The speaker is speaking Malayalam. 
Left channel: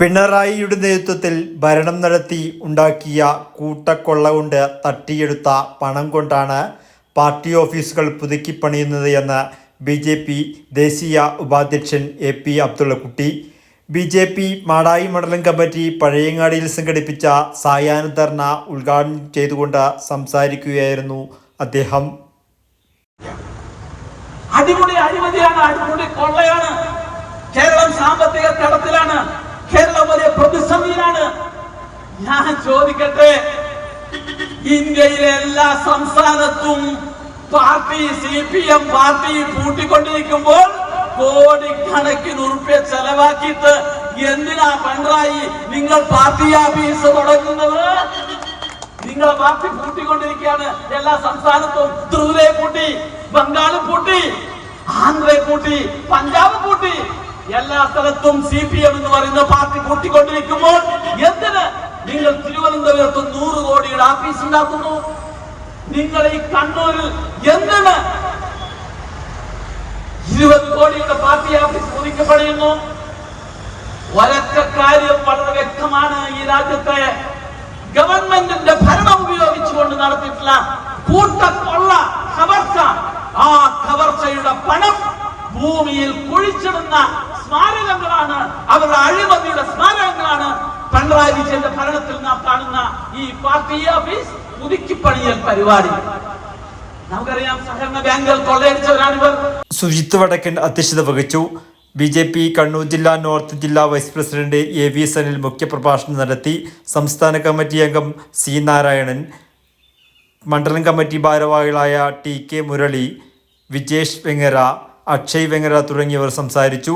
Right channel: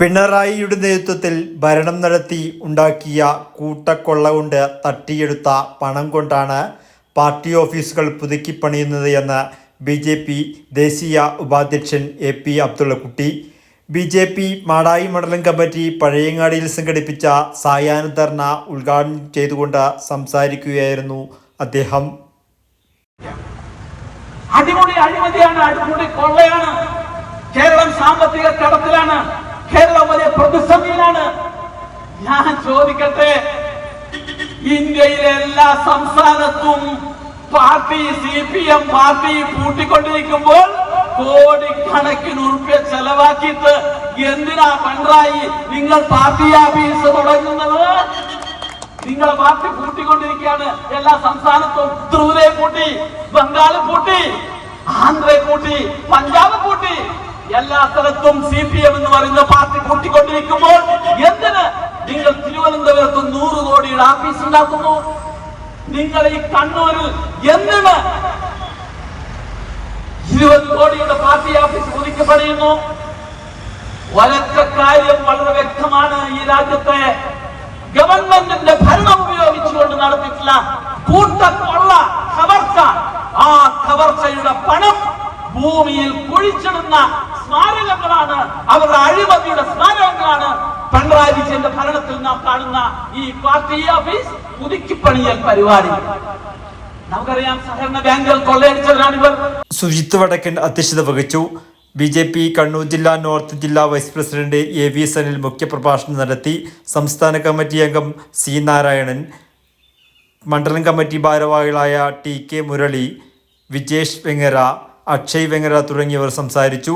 പിണറായിയുടെ നേതൃത്വത്തിൽ ഭരണം നടത്തി ഉണ്ടാക്കിയ കൂട്ടക്കൊള്ള കൊണ്ട് തട്ടിയെടുത്ത പണം കൊണ്ടാണ് പാർട്ടി ഓഫീസുകൾ പുതുക്കിപ്പണിയുന്നത് എന്ന് ബി ജെ പി ദേശീയ ഉപാധ്യക്ഷൻ A P Abdullakutty. B J P Madayi മണ്ഡലം കമ്മിറ്റി പഴയങ്ങാടിയിൽ സംഘടിപ്പിച്ച സായാഹ്ന ധർണ ഉദ്ഘാടനം ചെയ്തുകൊണ്ട് സംസാരിക്കുകയായിരുന്നു അദ്ദേഹം. കൊള്ളയാണ്. കേരളം സാമ്പത്തിക കടത്തിലാണ്. പ്രതിസന്ധിയിലാണ്. ഞാൻ ചോദിക്കട്ടെ? ഇന്ത്യയിലെ എല്ലാ സംസ്ഥാനത്തും party C P M party പൂട്ടിക്കൊണ്ടിരിക്കുമ്പോൾ കോടിക്കണക്കിന് ഉറുപ്പ്യ ചെലവാക്കിയിട്ട് എന്തിനാ പിണറായി നിങ്ങൾ പാർട്ടി ആഫീസ് തുടങ്ങുന്നത്? നിങ്ങൾ പാർട്ടി പൂട്ടിക്കൊണ്ടിരിക്കുകയാണ്. എല്ലാ സംസ്ഥാനത്തും ത്രിപുരയെ പൂട്ടി ബംഗാൾ പൂട്ടി ആന്ധ്രയെ പൂട്ടി പഞ്ചാബ് പൂട്ടി. എല്ലാ സ്ഥലത്തും സി പി എം എന്ന് പറയുന്ന പാർട്ടി കൂട്ടിക്കൊണ്ടിരിക്കുമ്പോൾ എന്തിന് നിങ്ങൾ തിരുവനന്തപുരത്ത് നൂറ് കോടിയുടെ ആഫീസ് ഉണ്ടാക്കുന്നു? നിങ്ങൾ ഈ കണ്ണൂരിൽ എന്തിന് ഇരുപത് കോടിയുടെ പാർട്ടി ആഫീസ് ഒതുക്കപ്പെടുന്നു? ഒരൊറ്റ കാര്യം വളരെ വ്യക്തമാണ്. ഈ രാജ്യത്തെ ഗവൺമെന്റിന്റെ ഭരണം ഉപയോഗിച്ചുകൊണ്ട് നടത്തിയിട്ടുള്ള കൂട്ടക്കൊള്ള കവർച്ച. ആ കവർച്ചയുടെ പണം ഭൂമിയിൽ കുഴിച്ചിടുന്ന സ്മാരകങ്ങളാണ്. അവരുടെ അഴിമതിയുടെ സ്മാരകങ്ങളാണ്. പിണറായി ഭരണത്തിൽ നാം കാണുന്ന ഈ പാർട്ടി ഓഫീസ് പുതുക്കിപ്പണിയൽ പരിപാടി. നമുക്കറിയാം സഹകരണ ബാങ്കുകൾ കൊള്ളയടിച്ചവരാണിവർ സുജിത് വടക്കൻ അധ്യക്ഷത വഹിച്ചു. ബി ജെ പി കണ്ണൂർ ജില്ലാ നോർത്ത് ജില്ലാ vice president A V Sanil മുഖ്യപ്രഭാഷണം നടത്തി. സംസ്ഥാന കമ്മിറ്റി അംഗം സി നാരായണൻ. മണ്ഡലം കമ്മിറ്റി ഭാരവാഹികളായ ടി കെ മുരളി വിജേഷ് വെങ്ങര അക്ഷയ് വെങ്ങര തുടങ്ങിയവർ സംസാരിച്ചു.